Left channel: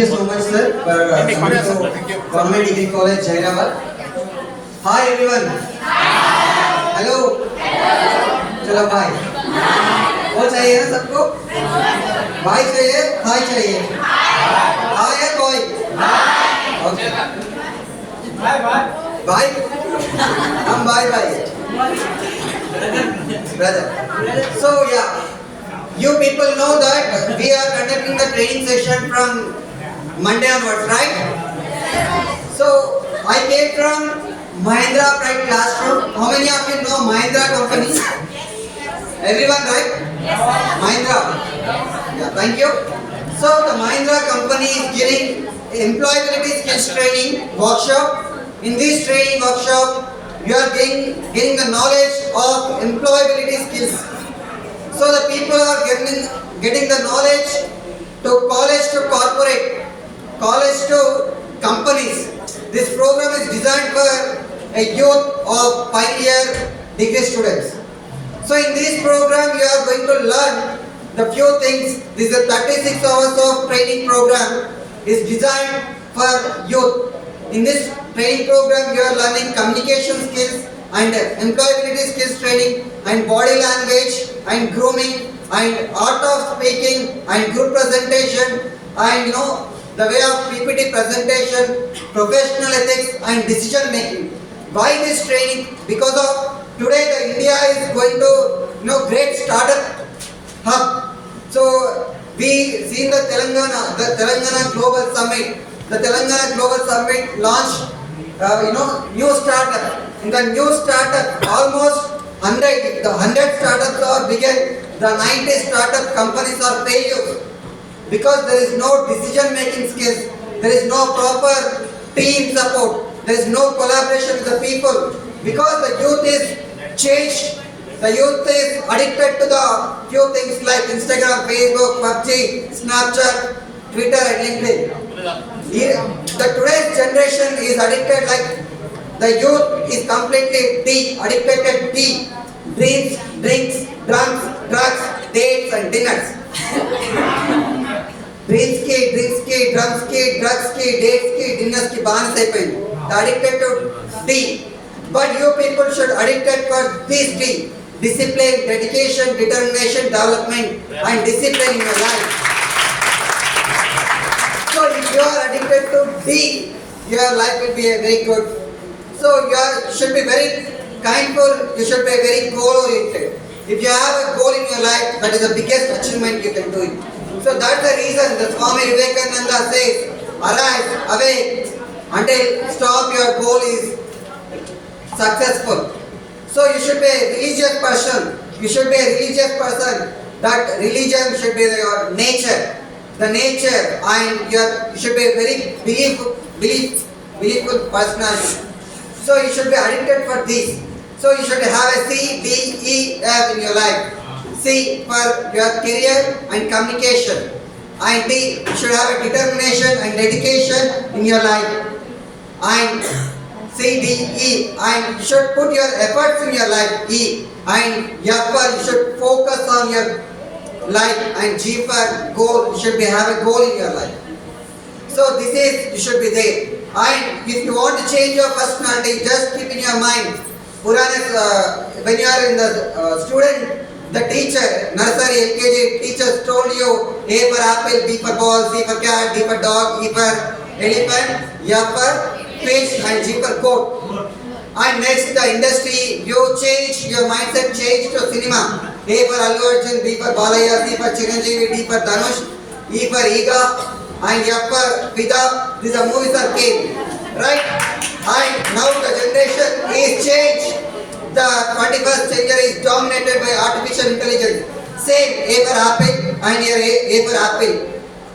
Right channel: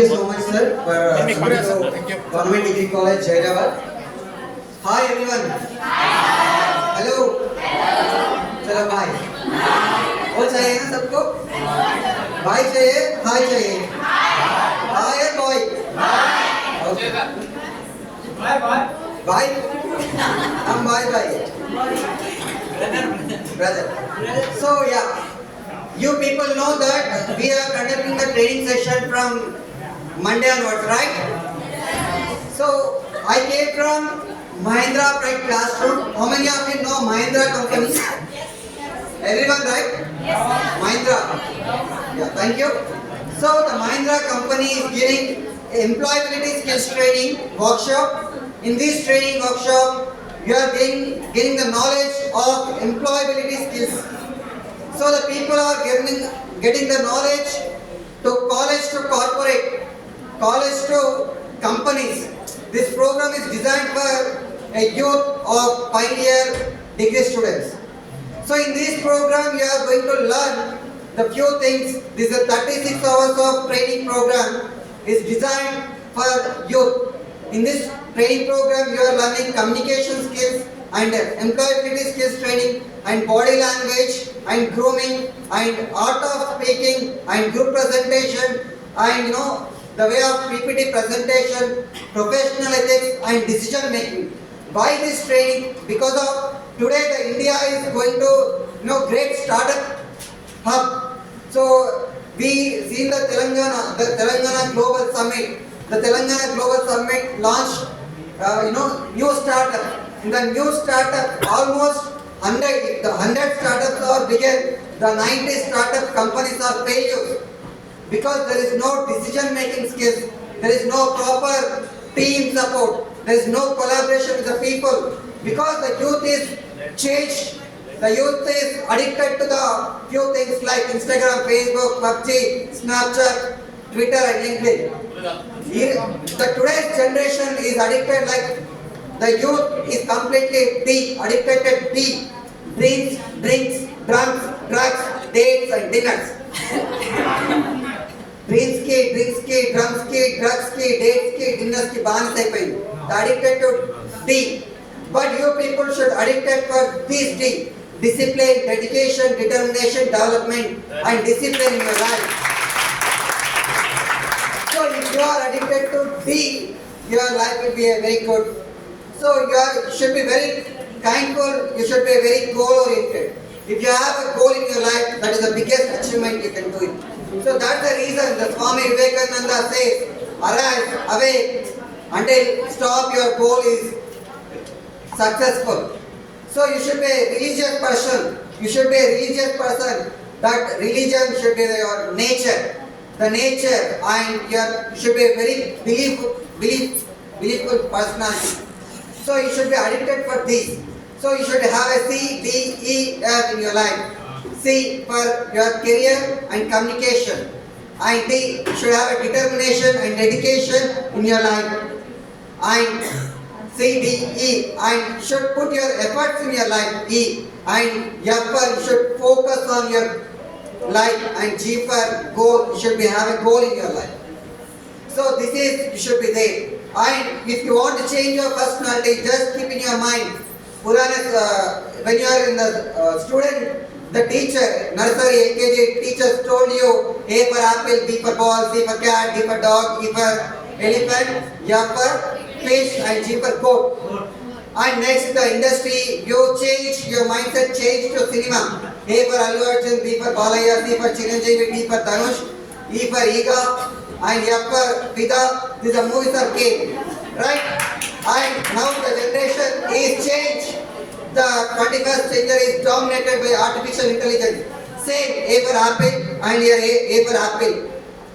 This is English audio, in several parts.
you so much, sir, for coming to Government Degree College, Hyderabad. Hi, everyone. Hello. चलो bye. वो चाहिए ना सबको? Bye चाहिए? Hi चाहिए? Hi है boy? Okay. Bye. हम bye bye. Brother. So yeah. You people know that we are conducting the training session from Monday onwards, right? So I came from Mahindra Pride Classroom. How many of you know Mahindra company? Everyone, right? Mahindra. Yeah, thank you. So the Mahindra company is giving employability skills training workshop. In this training workshop, you are getting the knowledge of employability skills. So the people are getting the knowledge to college to corporate, college to companies. This program is designed for a youth of final-year degree students. So in this program you are going to learn the few things. This is a 36 hours of training program. Is designed for youth. In this training program you are learning communication skills and employability skills training and body language and grooming and art of speaking and group presentation and the way of PPT presentation, professional ethics and decision making. Why this training? Because of today the India is going to great startup hub. So we seen the Telangana Global Summit. The Telangana Global Summit launched new startup. In the new startup, almost 100 startups are bigger, the 90 startup companies are failures because there is no decision making skills, there is no proper team support, there is no collaboration with the people because the youth is changed. The youth is addicted to the few things like Instagram, Facebook, PUBG, Snapchat, Twitter and LinkedIn. The today's generation is addicted like the youth is completely addicted to dreams, drinks, drums, drugs, dates and dinners. Drinks ki, drums ki, drugs ki, dates ki, dinners ki baans అయిపోయింది. Addicted to tea. But you people should addicted for these tea. Discipline, dedication, determination, development and discipline in your life. So if you are addicted to tea, your life will be very good. So you should be very kindful, you should be very goal oriented. If you have a goal in your life, that is the biggest achievement you can do it. So that's the reason the Swami Vivekananda says, arise, awake, until stop your goal is successful. So you should be a religious person. You should be a religious person. That religion should be your nature. The nature and you should be a very believeful personality. So you should be addicted for this. So you should have a C, D, E, F in your life. C for your career and communication. And D, you should have a determination and dedication in your life. And C, D, E. And you should put your efforts in your life. E. And F for you should focus on your life. And G for goal. You should have a goal in your life. So this is, you should be there. And if you want to change your personality, just keep in your mind, when you are in the student, the teacher, nursery, LKG, teachers told you A for apple, B for ball, C for cat, D for dog, E for elephant, F for fish and G for goat. And next the industry, you change, your mindset change to cinema. A for Allu Arjun, B for Balaya, C for Chiranjeevi, D for Dhanush, E for Ega. And F for Vida, these are movies are came, right? And now the generation is changed. The 21st century is dominated by artificial intelligence. Same A for apple and here A for apple.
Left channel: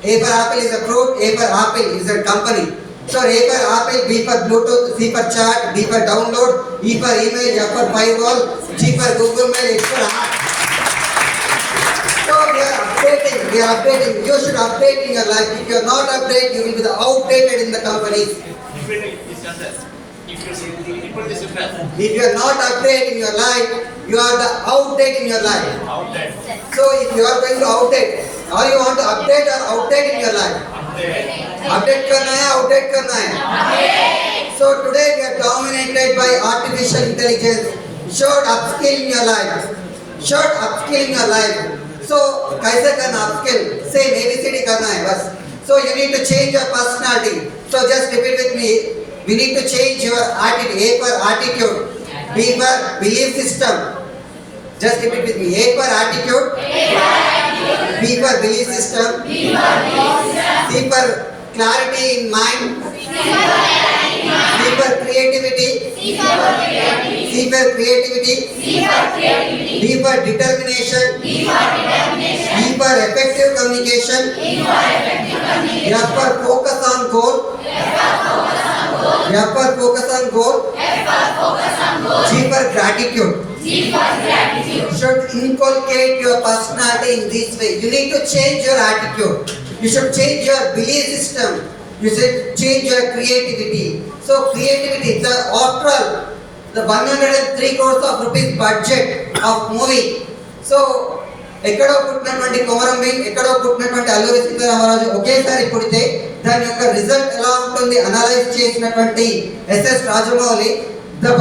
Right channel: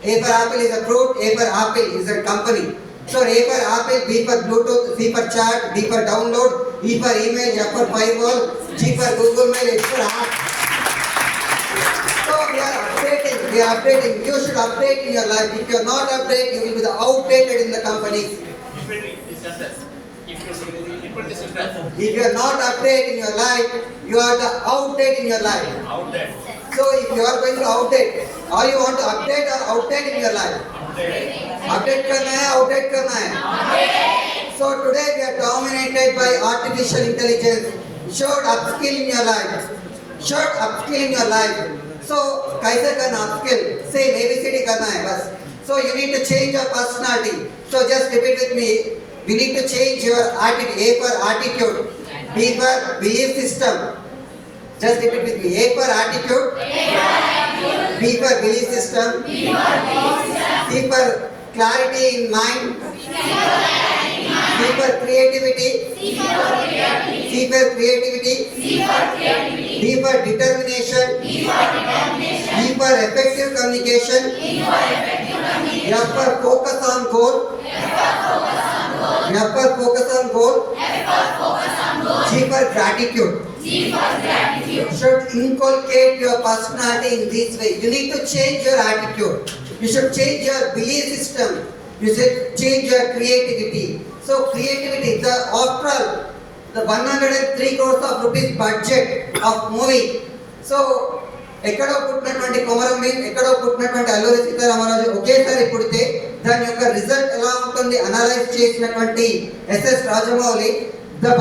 A for apple is a fruit, A for apple is a company. So A for apple, B for Bluetooth, C for chat, D for download, E for email, F for firewall, G for Google Mail, H for heart. So we are updating. You should update in your life. If you are not updated, you will be outdated in the company. If you are not updated in your life, you are the outdated in your life. So if you are going to outdate, or you want to update or outdate in your life? Update करना है, outdate करना है। So today we are dominated by artificial intelligence. Should upskill in your life. Should upskill in your life. So कैसे करना upskill? Same ABCD करना है बस. So you need to change your personality. So just repeat with me. We need to change your attitude. A for attitude. B for belief system. Just repeat with me. A for attitude. B for belief system. C for clarity in mind. C for creativity. C for creativity. D for determination. E for effective communication. F for focus on goal. F for focus on goal. G for gratitude. Should inculcate your personality in this way. You need to change your attitude. You should change your belief system. You should change your creativity. So creativity, after all, the 103 crores of rupees budget of movie. So ఎక్కడో పుట్టినటువంటి కొమరం భీమ్, ఎక్కడో పుట్టినటువంటి అల్లూరి సీతారామరాజు ఒకేసారి పుడితే దాని యొక్క result ఎలా ఉంటుంది అనలైజ్ చేసినటువంటి SS Rajamouli, the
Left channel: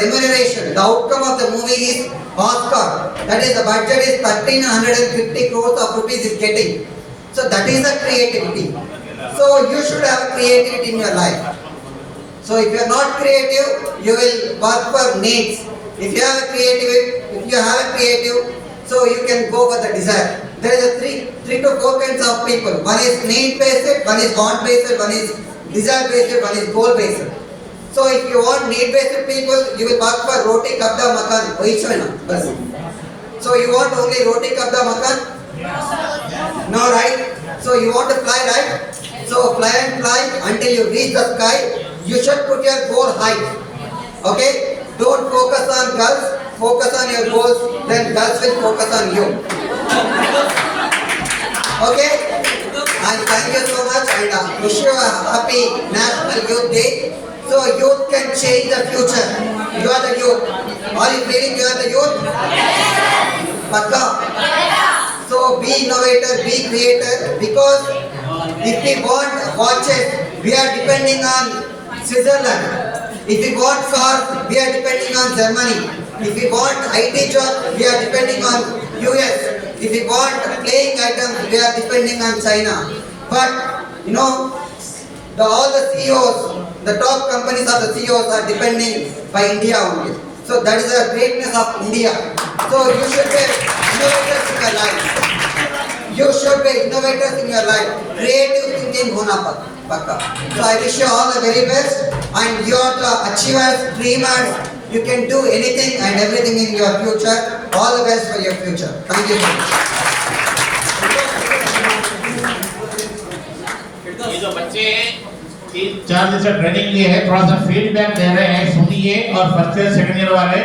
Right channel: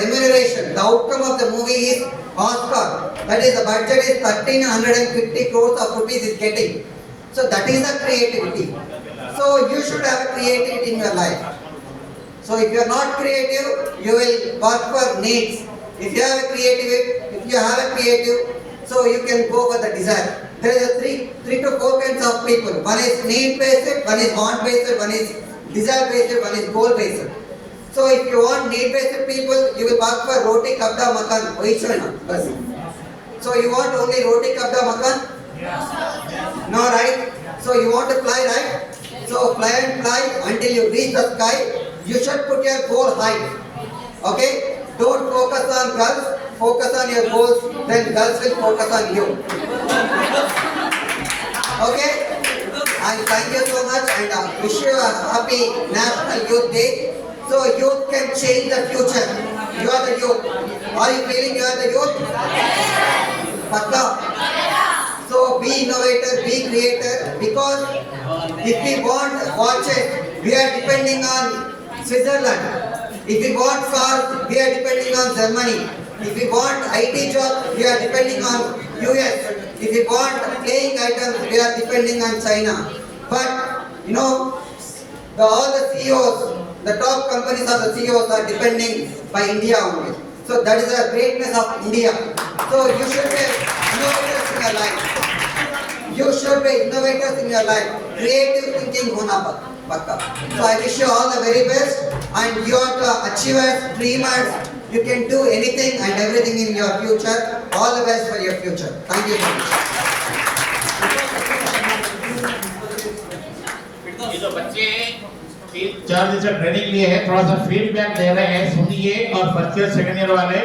remuneration, the outcome of the movie is Oscar. That is, the budget is 1350 crores of rupees is getting. So that is the creativity. So you should have creativity in your life. So if you are not creative, you will work for needs. If you have a creative, so you can go for the desire. There is a three to four kinds of people. One is need based, one is want based, one is desire based, one is goal based. So if you want need based people, you will work for roti kabda makan. So you want only roti kabda makan? No, right? So you want to fly, right? So fly and fly until you reach the sky. You should put your goal high. Okay? Don't focus on girls, focus on your goals, then girls will focus on you. Okay? And thank you so much and wish you a happy National Youth Day. So youth can change the future. You are the youth. Are you feeling you are the youth? Pakka? So be innovator, be creator, because if we want watches, we are depending on Switzerland. If we want cars, we are depending on Germany. If we want IT job, we are depending on US. If we want playing items, we are depending on China. But you know, all the CEOs, the top companies of the CEOs are depending by India only. So that is the greatness of India. So you should be innovators in your life. You should be innovators in your life. Creative thinking hona pakka. So I wish you all the very best. And you are the achievers, dreamers. You can do anything and everything in your future. All the best for your future. Thank you so much. ये जो बच्चे 4 दिन से training लिए हैं, थोड़ा सा feedback दे रहे हैं, सुनिए। और फर्स्ट ईयर सेकंड ईयर वाले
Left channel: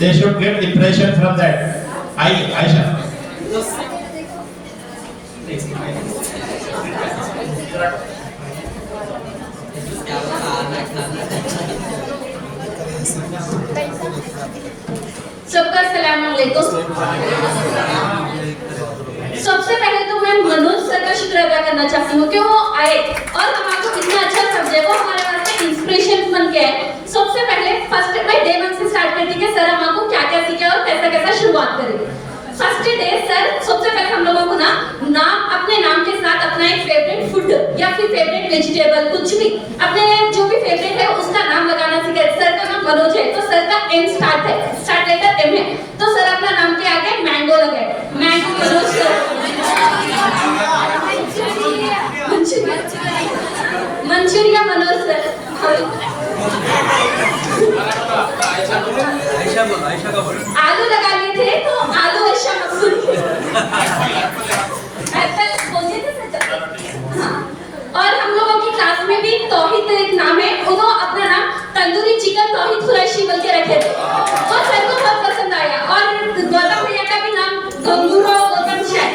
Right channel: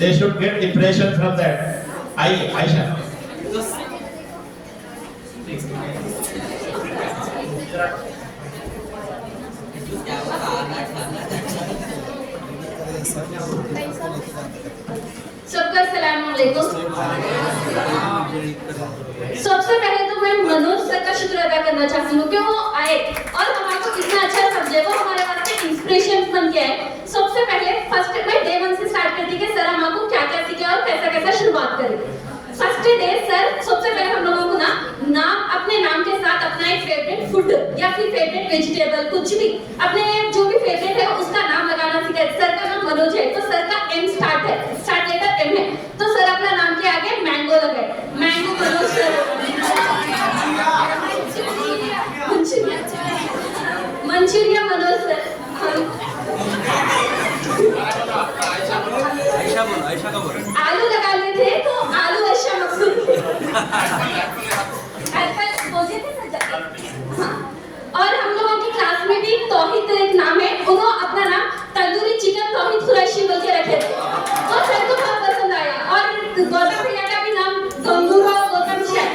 they should get impression from that. आइए आयशा। सबका सलाम अलैकुम। सबसे पहले तो मैं मनोज सर का शुक्र अदा करना चाहती हूँ कि वो आए और हमारे इतना अच्छा सब्जेक्ट को हमारे वास्ते इंस्पिरेशन बन गया है। सबसे पहले फर्स्ट मैं डे 1 से स्टार्ट करती कि सर हम आपको क्या क्या सीखा और कैसा कैसा शुरुआत करेंगे। फर्स्ट डे सर सबसे पहले हम लोगों को नाम अपने नाम के साथ अपना एक फेवरेट फूड या फिर फेवरेट वेजिटेबल कुछ भी अपने जो भी फेवरेट है उसका नाम लगाना सिखाए। सर का नाम मनोज है तो सर का एम स्टार्ट लेटर एम है तो सर अपना नाम के आगे मैंगो लगाए। Mango Manoj sir. Manchuria Manoj sir. आलू लगा लिए थे तो आलू ऐशा मकसूद। एप्पल बोलिए थे सर। हाँ। और हम लोगों की क्लास में भी तौहीद एक नाम है, उन्होंने अपना नाम तंदूरी चिकन तौहीद कुरैशी बोल के रखे थे। तो सर को बहुत पसंद आया। और गौतम भैया का भी नाम गंगूरो गौतम शायद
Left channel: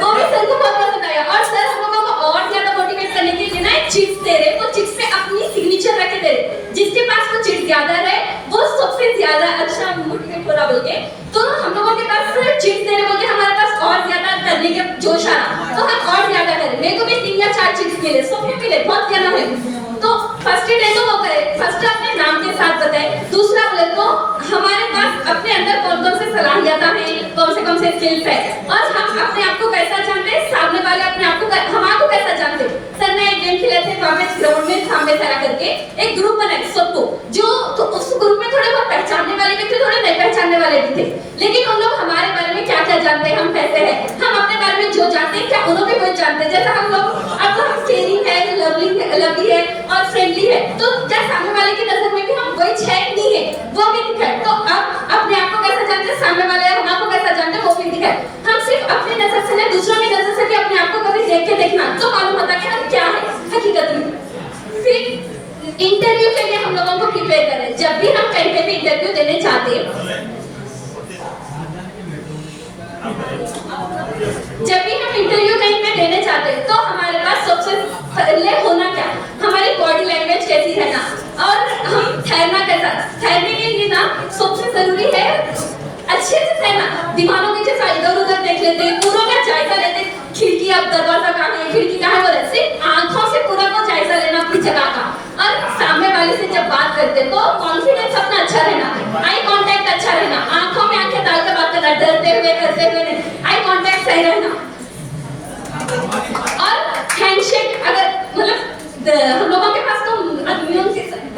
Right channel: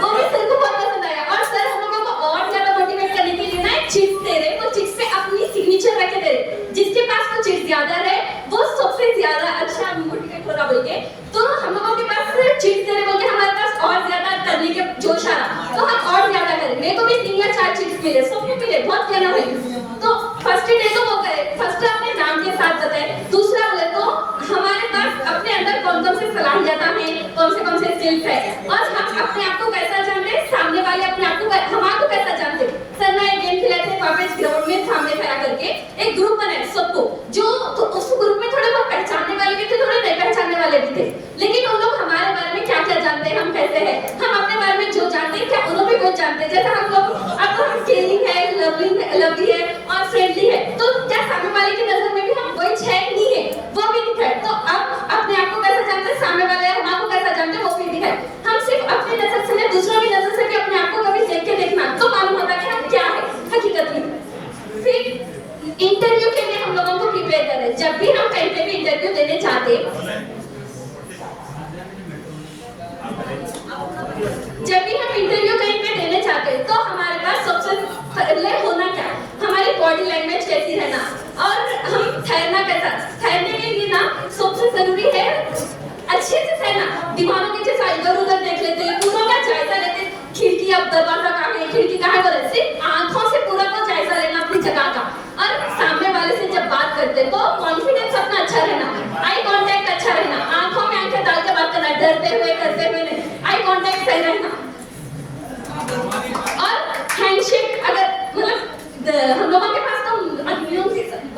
वो भी सर को बहुत पसंद आया। और सर हम लोगों को और ज्यादा मोटिवेट करने के लिए ना एक चिट्स दे रहे, वो चिट्स पे अपनी सिग्नेचर रखे दे रहे। जिसके पास वो चिट्स ज्यादा रहे वो सबसे ज्यादा अच्छा मोटिवेट हो रहा बोल के। तो हम लोगों के पास चिट्स दे रहे बोल के हमारे पास और ज्यादा करने के जोश आ रहा, तो हम और ज्यादा मिले, सबको मिले, बहुत ज्यादा मिले। तो फर्स्ट डे को वो करे, फर्स्ट अपने नाम के साथ बताए, दूसरा बोले तो हमारे पास अपने अंदर कौन कौन से सलाहियतें हैं, कौन से स्किल्स है, और हम अपने आप को कैसा जानते हैं, सामने वाले अपने आप को हमारे को कैसा जानते हैं। सर मैं एक गेम खेले थे वहाँ पे ग्राउंड में सामने तरह करके एक ग्रुप बनाए सबको, जो तो उस ग्रुप में थोड़े बहुत पहचानने वाले भी थे, थोड़े नहीं पहचानने वाले भी थे, लेकिन उन लोग हमारे बारे में क्या क्या जानते हैं, हम कैसे हैं, हम अपने बारे में जो जानते हैं क्या उन लोग भी वो जानते हैं। जैसा हम लोग अब हम केयरिंग है, लवली है और फ्रेंडली है, तो क्या सामने वाले की नजर में भी हम वही है नहीं है, वो भी दिखाए। तो अब अपने आप को कैसा जानते हैं, सामने वाले हमको कैसा जानते हैं, वो भी दिखाए। हम सिर्फ अपनी नजर से नहीं, दूसरों की नजर से भी अपने आप को कभी देख के देखना, तो मालूम होता है कि हम क्या है हकीकत में। फिर इंटरव्यू के लिए हम लोगों को प्रिपेयर करें। जब भी हम कहीं पे भी इंटरव्यू देने जाते हैं, जब भी हम इंटरव्यू कहीं पे देने जाते हैं, तो हमारे पास सबसे पहले होना क्या, हमारी बॉडी लैंग्वेज कैसी रहना, और हम ठहरना कैसा, ठहरने के लिए ना सबसे जरूरी है अच्छे से ठहरना। दीवारों के जैसा इधर उधर देख लेते हैं, पूरा का जायजा लेते, खिड़की अब दरवाजा कहाँ है, खिड़की कहाँ है, सिर्फ आंखों से पूरा को जायजा लेना अपनी जगह का। और सामने वाले से जब बात करते तो कॉन्फिडेंस अपना अच्छा रहना, आई कांटेक्ट अच्छा रहना, आंखों में आंखें डाल कर बात करना, डरते हुए करते हुए नहीं, आई कांटेक्ट सही रहना। और हैंडशेक, अगर मतलब हम लोगों के पास तो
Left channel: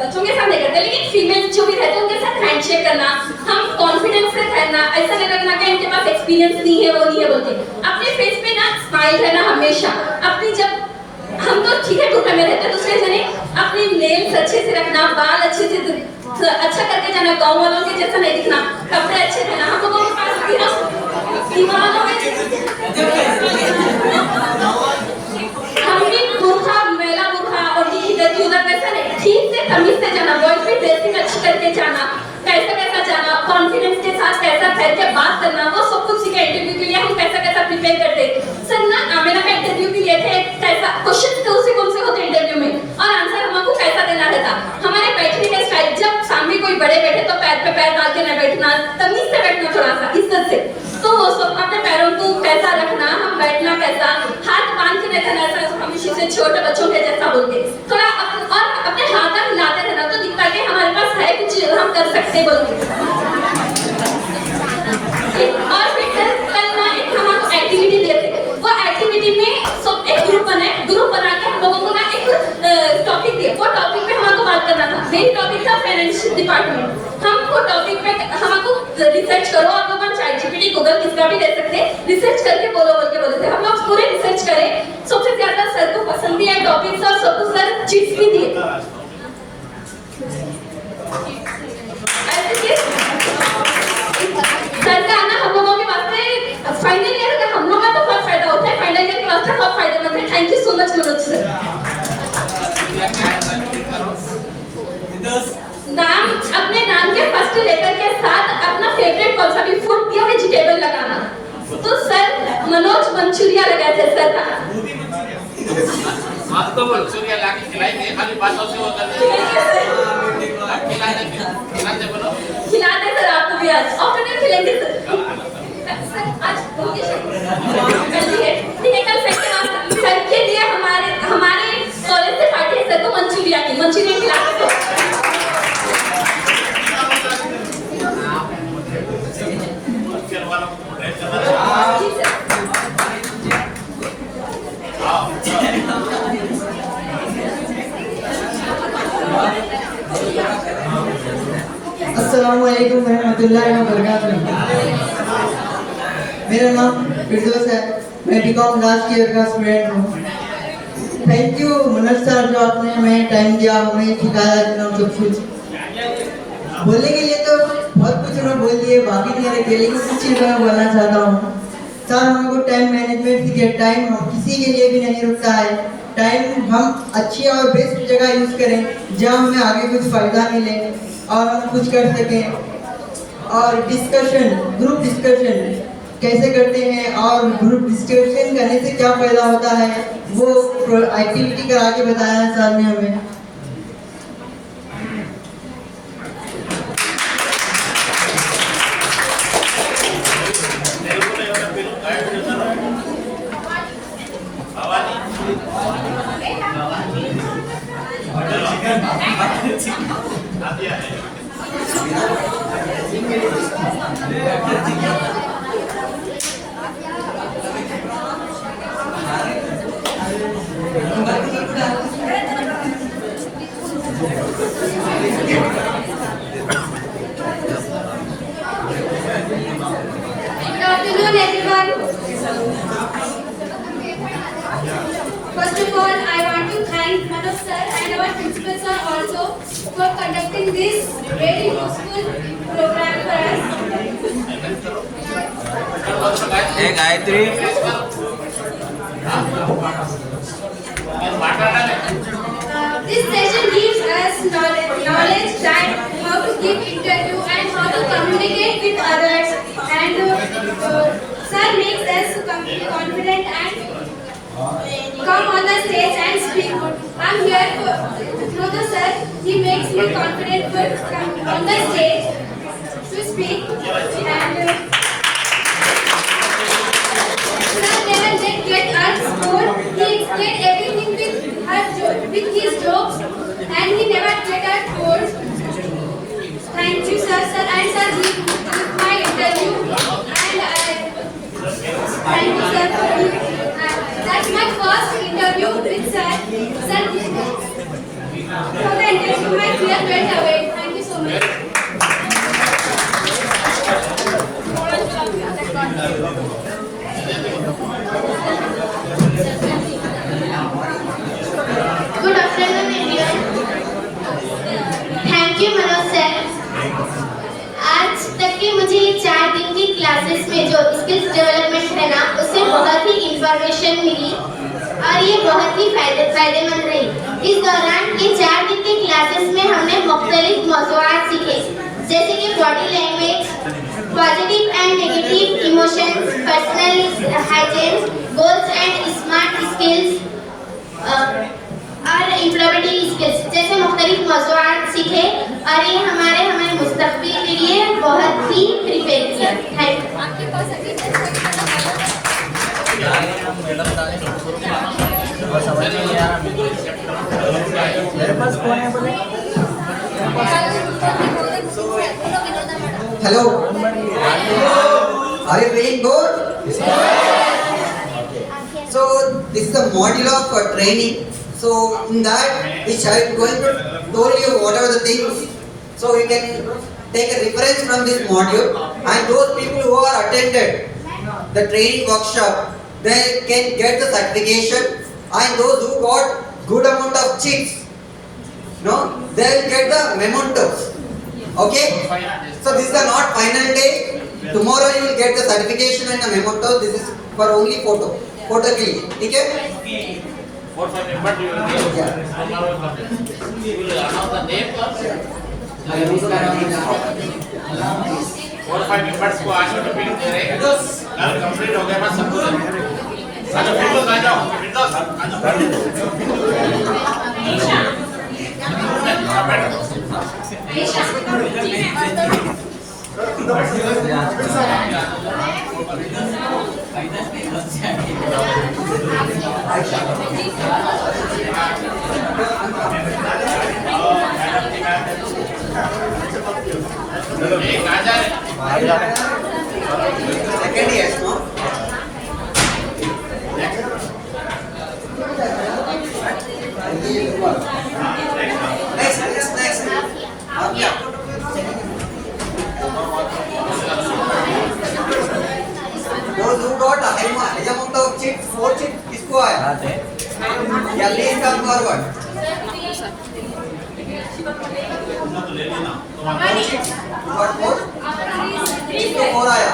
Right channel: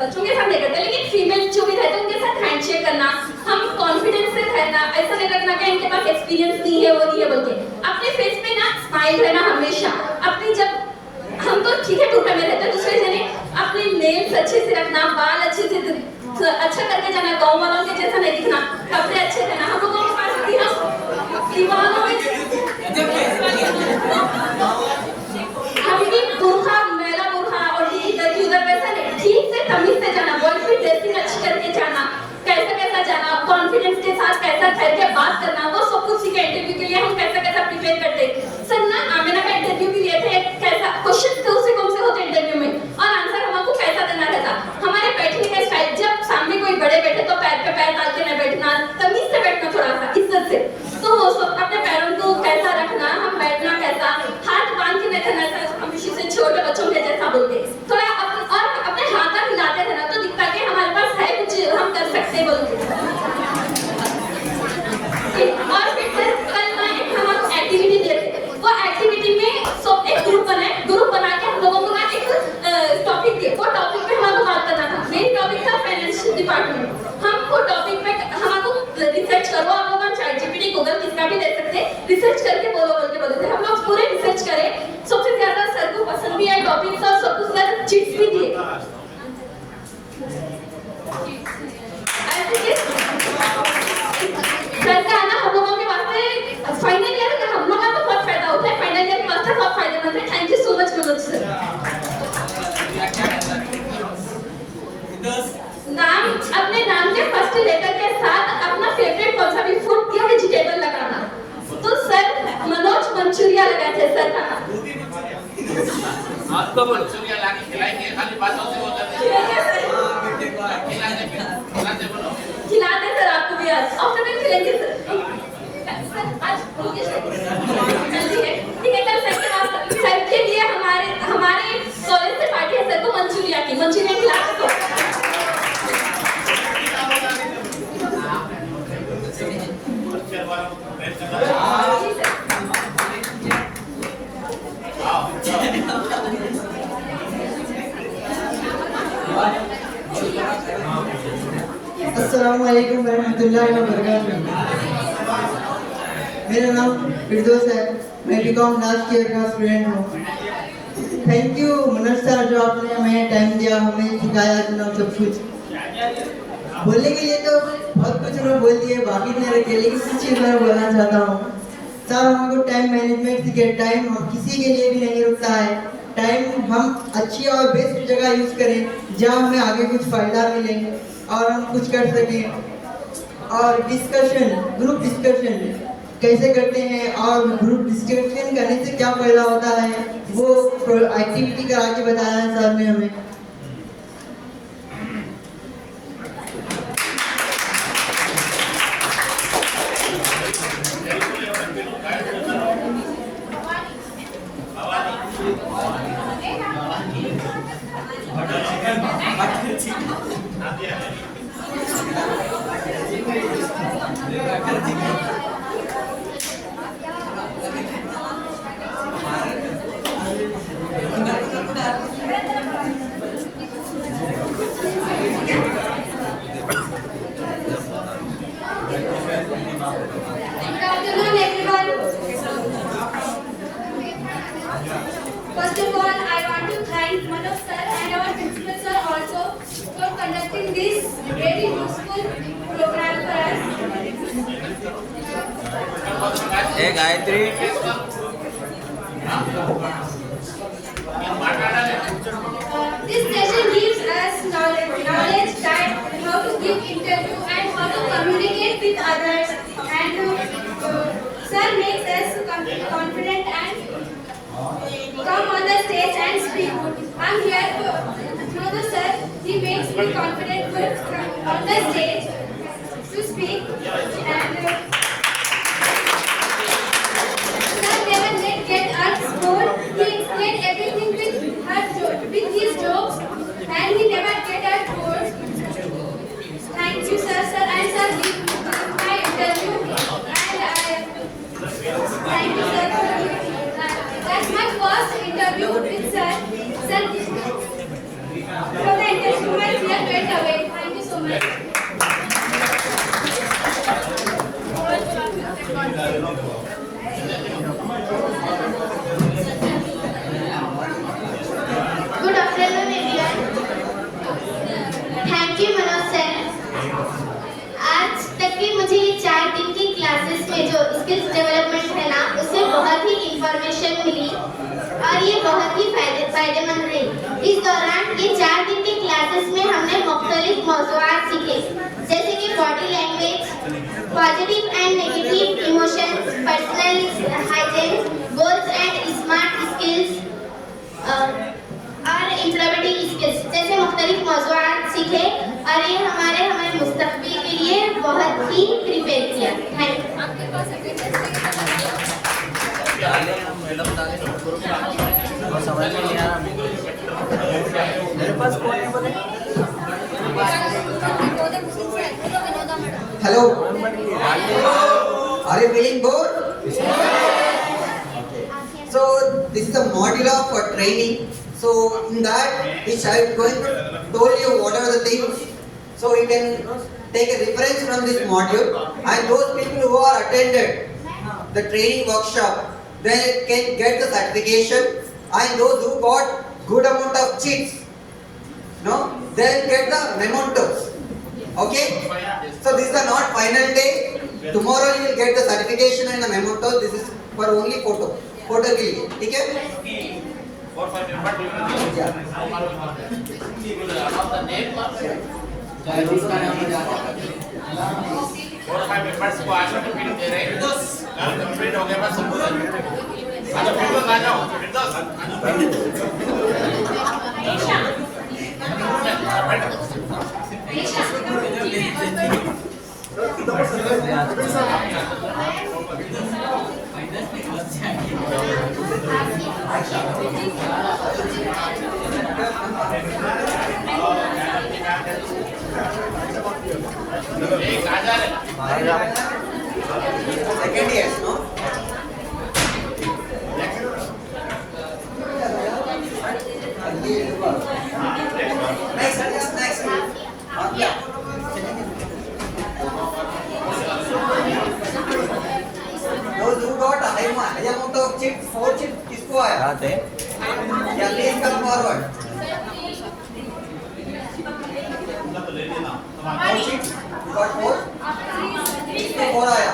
बच्चों के साथ नहीं करते, लेकिन फीमेल जो भी रहते हैं उनके साथ हैंडशेक करना, हम कॉन्फिडेंस से रहना, ऐसा नहीं लगना कि इनके पास एक्सपीरियंस नहीं है, वो नहीं है बोलते। अपने फेस पे ना स्माइल रहना हमेशा, अपनी जब हम तो ठीक है टूटे में रहते हैं, दूसरे से नहीं, अपनी नेल्स अच्छे से रखना, बाल अच्छे से अच्छा करके जाना, गाँव वालों के जैसा नहीं दिखना, कपड़े अच्छे पहना। हम लोगों के पास भी हम दीवानों में हम भी बुरखा, मेला बुरखा और ये इधर की उधर वैसा नहीं, ठीक से तमीज से जाना, बॉडी पे ड्रेसिंग अच्छी करके जाना, कैसा जाना, कॉन्फिडेंस के साथ कैसा ठहर के बात करना, वो सब कुछ सीखे। इंटरव्यू के लिए हम कैसा प्रिपेयर करते हैं। सर ना आमिना का इंटरव्यू भी लिए थे, कैसा क्वेश्चन कौन से होते इंटरव्यू में, और आंसर हमको कैसा देना रहता। हमारे बैठने का स्टाइल, जब सामने कोई बड़े बैठे तो पैर पे पैर डाल के न बैठना, तमीज से बैठना, थोड़ा सा इज्जत से, तो वो सब अपने पैरों को कैसा रखना, हम बैठना कैसा, हाथ बांध के बैठना, ऐसा हम किसी से छोटे बच्चों के जैसा बोलते, थोड़ा और अपने हाथ हिलाते रहना, तो दिखता है कि हमारे पास है कुछ, हम कर सकते हैं बोलते। और फिर कल ना एक हमको एक्टिविटी दिए थे, वो एक्टिविटी में सब एक ग्रुप बना के हम लोगों को ना एक टॉपिक दिए, वो टॉपिक पे हमको बात करना था। मेन टॉपिक था फाइनेंशियल डिपार्टमेंट। हमको टॉपिक में हमको रिसर्च करो, और लोग ChatGPT गूगल किसका भी दे सकते हैं, रिसर्च करके बोल के बोले थे। हम लोग पूरे रिसर्च करें, सबसे ज्यादा सर को पसंद भी है टॉपिक्स, और सबको सर चिट्स भी दिए। सर का आना हम लोगों के वास्ते फाइनल ईयर का हम लोगों का तो बहुत फायदा होता है, फाइनल ईयर के वास्ते बहुत फायदेमंद है। Thank you so much Manoj sir. नाम, अपने नाम के फर्स्ट लेटर के साथ अपना फेवरेट कौन सा भी फूड या वेजिटेबल लगाना। तो सर मनोज मंचूरिया लगाए थे सर का। आपको मंचूरिया लाके खिलाएंगे, खाली बातों से वो करते खिलाते सर आपको भी आज, और कल खिलाएंगे सर। आज हो गया ठीक है, कल सर के लिए हमारे कॉलेज से पार्टी है, सर को मंचूरिया खिलाते हैं। अस्सलामुअलैकुम रहमतुल्लाहि व बरकातुहू। मेरा नाम फिरदौस है, मैं बीकॉम लास्ट ईयर का स्टूडेंट हूँ। थैंक यू मनोज सर, जो आपने हमें टाइम दिया, हमें सिखाया जनाब सब कुछ। बोलने के लिए तो बहुत कुछ उन्होंने बोल दिए, बाकी नहीं रखे, लेकिन कुछ चीज़ मैं बोलना चाहता हूँ। सर हमको टाइम मैनेजमेंट सीखे, टाइम हम किसी के लिए भी नहीं रुकता है। टाइम हम अच्छी और बेस्ट जगह यूज़ करें, जहाँ हमें आगे कुछ फ़ायदा मिले और हम कुछ कर सकें। और डिस्कशन, ग्रुप डिस्कशन कैसे करते हैं और ग्रुप डिस्कशन करने से क्या फ़ायदा होता है, वो एक्टिविटी करा के बताया है सर ने हमें। Good afternoon, everyone. First of all, I want to thank Manoj sir and our principal sir also for conducting this very useful program for us. Hey Gayatri. This session gives us knowledge that how to give interview and how to communicate with others, and sir makes us confident and come on the stage and speak. I'm here through the sir. He makes me confident to come on the stage to speak, and sir never get us bored. He explained everything with his jokes, and he never get us bored. Thank you, sir, and sir, give my interview, and thank you, sir, for that's my first interview with sir. Sir, for the interview, my fear went away. Thank you so much. Good afternoon, everyone. Thank you, Manoj sir. आज तक के मुझे ये 4 दिन की classes में जो skills development है ना, उससे बहुत ही इंफॉर्मेशन मिली और ये बहुत ही फायदेमंद रही. इस दौरान ये 4 दिन की क्लासेस में हमने मुख्तलिफ मौज़ूआत सीखे, जैसे कि body language, positive and negative emotions, personal hygiene, goals and smart skills और एम्प्लॉयबिलिटी स्किल्स जैसे मुख्तलिफ मौज़ूआत सीखे, और ये हमारे मुस्तक़बिल के लिए बहुत ही प्रिपेयर किया. Thank you. आपके पास अटेंडेंस है कि समझ नहीं आ रहा मेरे पास कौन है बोले? Hello. Are you feeling good? So this is the module of training. So in that, which I am going to told you whatever the things. So you can take a reference from this module, and those people who are attended the training workshop, they can get the certification, and those who got good amount of checks, no, they will get the mementos. Okay? So this is the not final day. Tomorrow you will get the certification and the mementos. This is for only photo के लिए, ठीक है? 4-5 members you will give. Tomorrow you will announce the name first. 4-5 members को आज certificate दे रहे हैं. कल complete हो गया बाद सब कुछ. आजा फिर आ जाओ. Second years, no? Next. Yeah. Those who got a high amount of chips, 4 chips, किसको आया? Yeah, please come forward. 4 chips, you got 4? किसको 4 आया?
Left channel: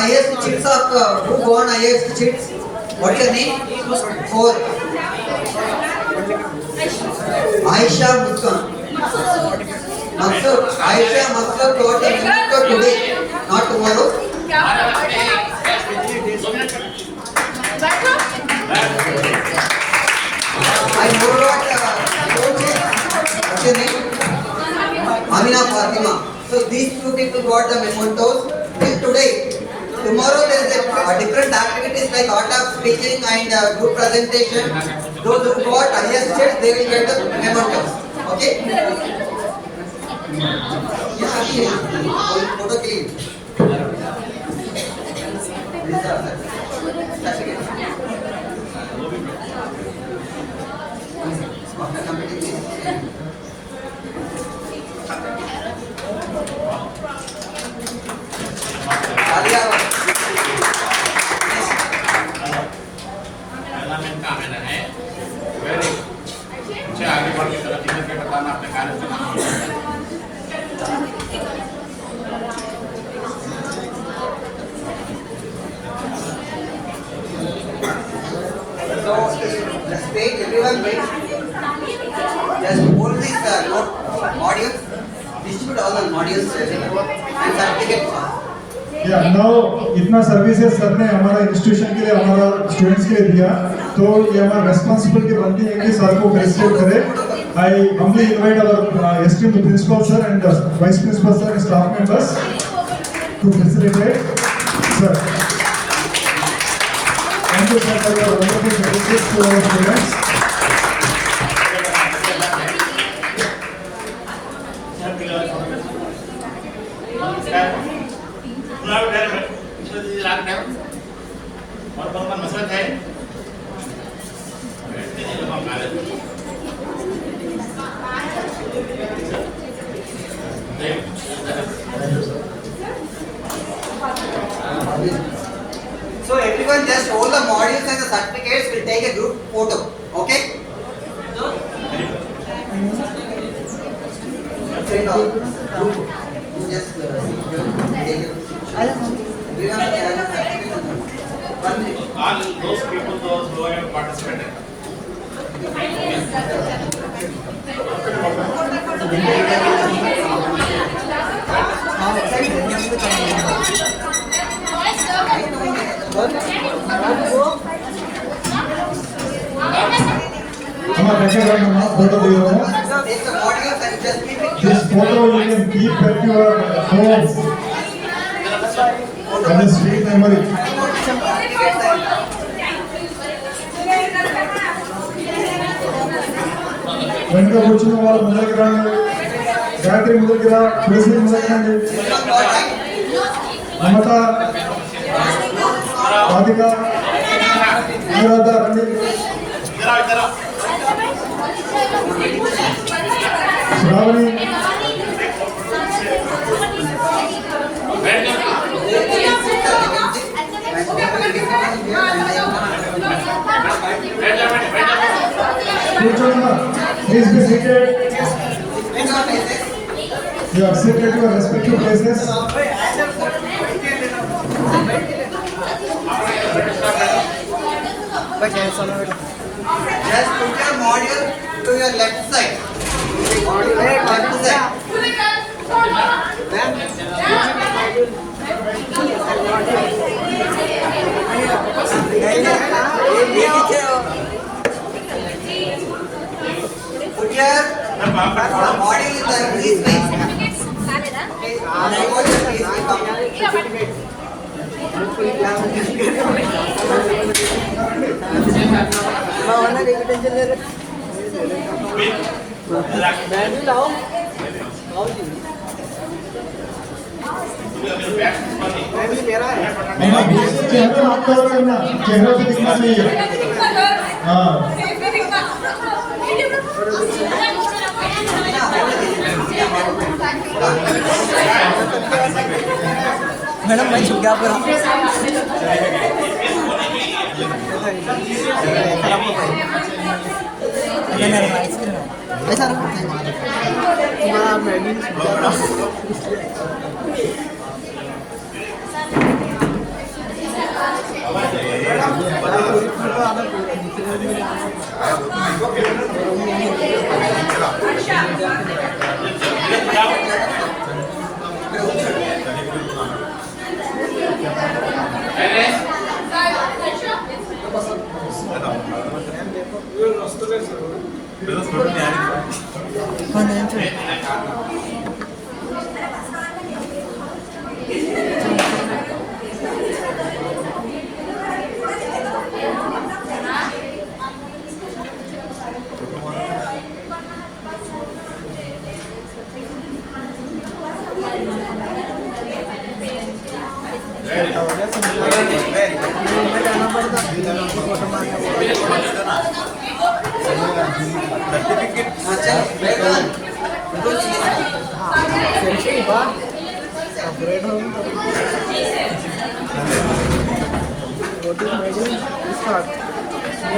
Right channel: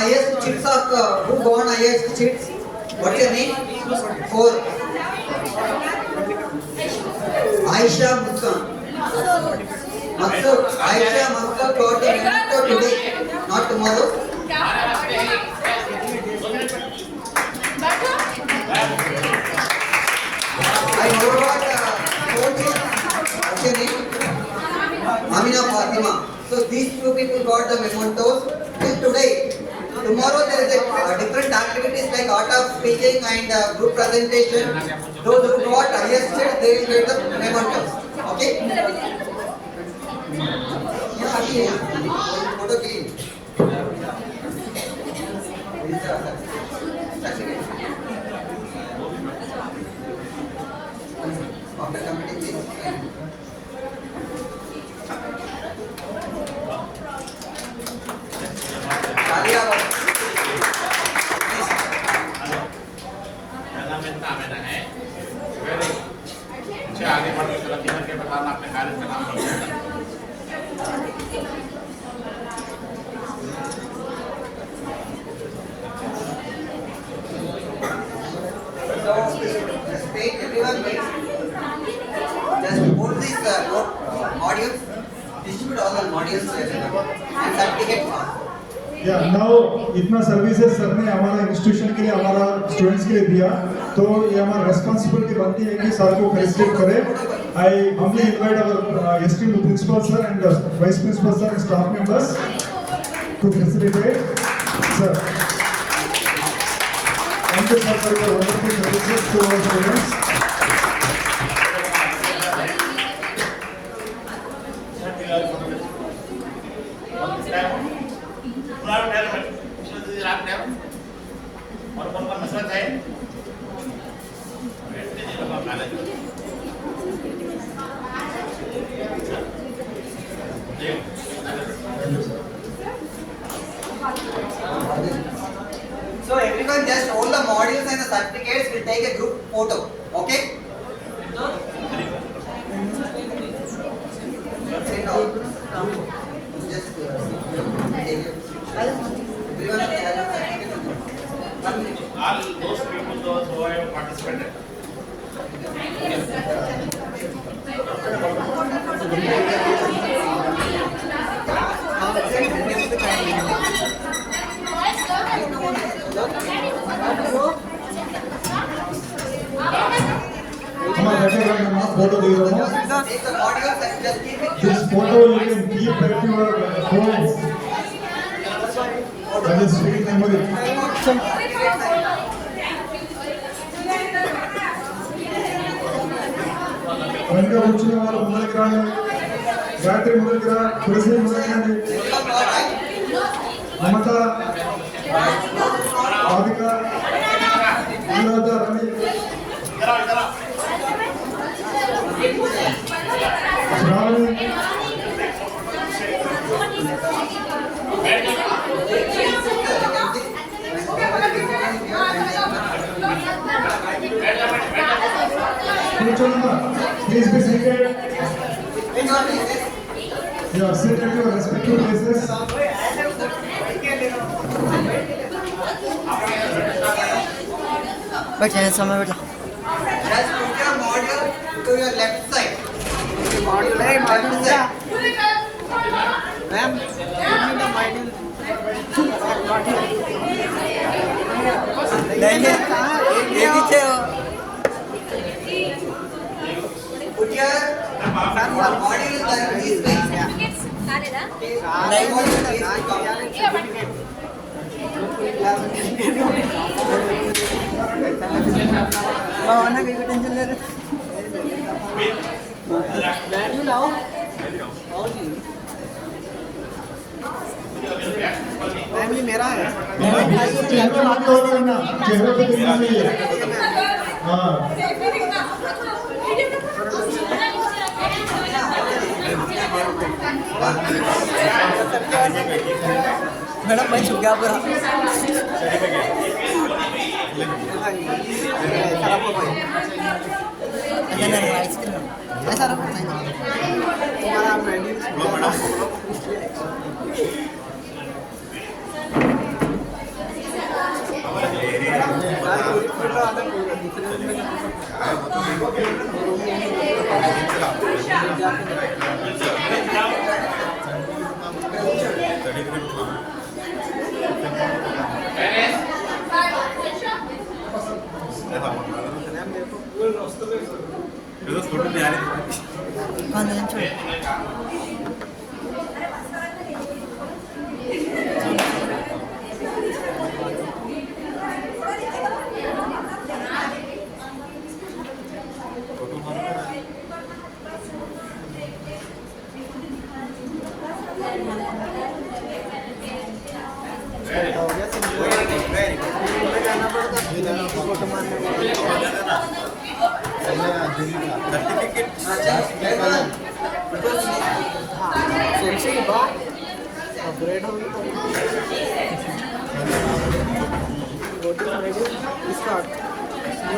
highest chits of who won highest chits? What's your name? 4. Aisha Muskan. Maksud, Aisha Muskan got the winner today, not tomorrow. I know what coach is. What's your name? Amina Fatima. So these 2 people got the mementos till today. Tomorrow there is a different activities like art of speaking and good presentation. Those who got highest chits, they will get the mementos. Okay? Yeah, okay. Photo clean. Certificate. After completing this. Alia. कामना है very मुझे आगे बढ़ के तरफ दिखा के बताना अपने कार्य का नाम So, just wait, everyone wait. Just hold this modules, distribute all the modules and certificate pass. या नाउ इतना सर्विसेज सर ने हमारा इंस्टीट्यूशन के लिए हमारा स्टूडेंट्स के लिए दिया तो ये हमारा रेस्पॉन्सिबिलिटी बनती है कि सर को फेलिसिटेट करें I humbly invite our esteemed principal sir and vice principal sir staff members to felicitate sir thank you sir for your wonderful services to our students और कौन मसरत है So everyone just hold the modules and the certificates. We'll take a group photo. Okay? Send all. Just take it. Everyone has the certificate. One minute. all those people those who have participated हमारा देखिए भाई हम photo दे रहा हूँ Take the modules and just keep it. This photo you can keep at your home as a sweet memory. వెనుక కూర్చున్న వాళ్ళు ముందరికి రండి గాయత్రి ముందరికి రా తులసి ముందరికి రండి మమత రాధిక అనురాధ రండి శ్రావణి కూర్చోండి please be seated Which one is this? You are seated at your respective places Just put your module to your left side. Left side. Put your module is like this way. चेहरा हाथ cover करना चेहरा पे दिखना चाहिए हाँ madam मैं छुप गया पर ऐसा तुम्हारा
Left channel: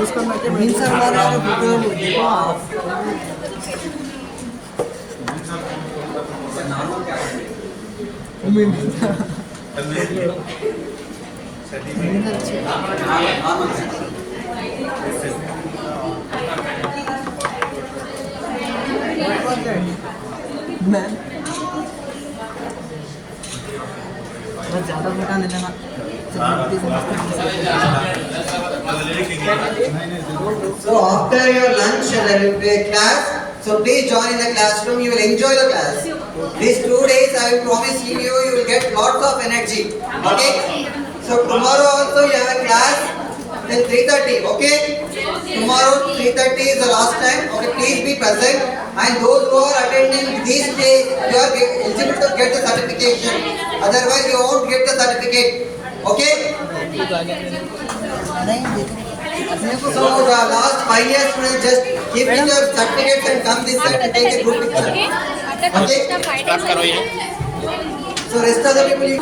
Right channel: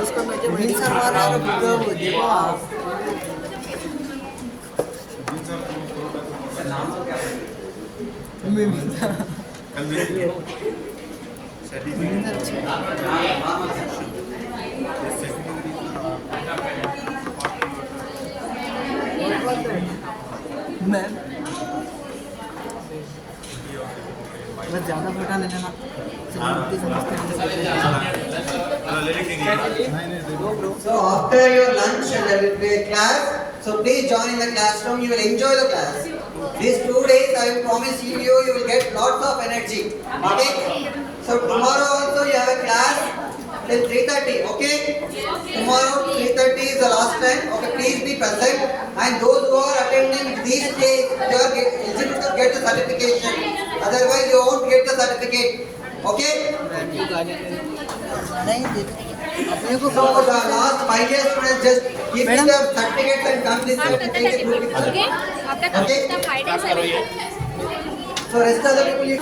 मैम बस ज़्यादा बेटा नहीं देना So after your lunch there will be a class. So please join in the classroom. You will enjoy the class. These 2 days I will promise you, you will get lots of energy. Okay? So tomorrow also you have a class till 3:30. Okay? Tomorrow 3:30 is the last time. Okay? Please be present. And those who are attending these days, you are eligible to get the certification. Otherwise you won't get the certificate. Okay? So the last 5 years students just give me the certificates and come this side to take a group picture. Okay? So rest of the people you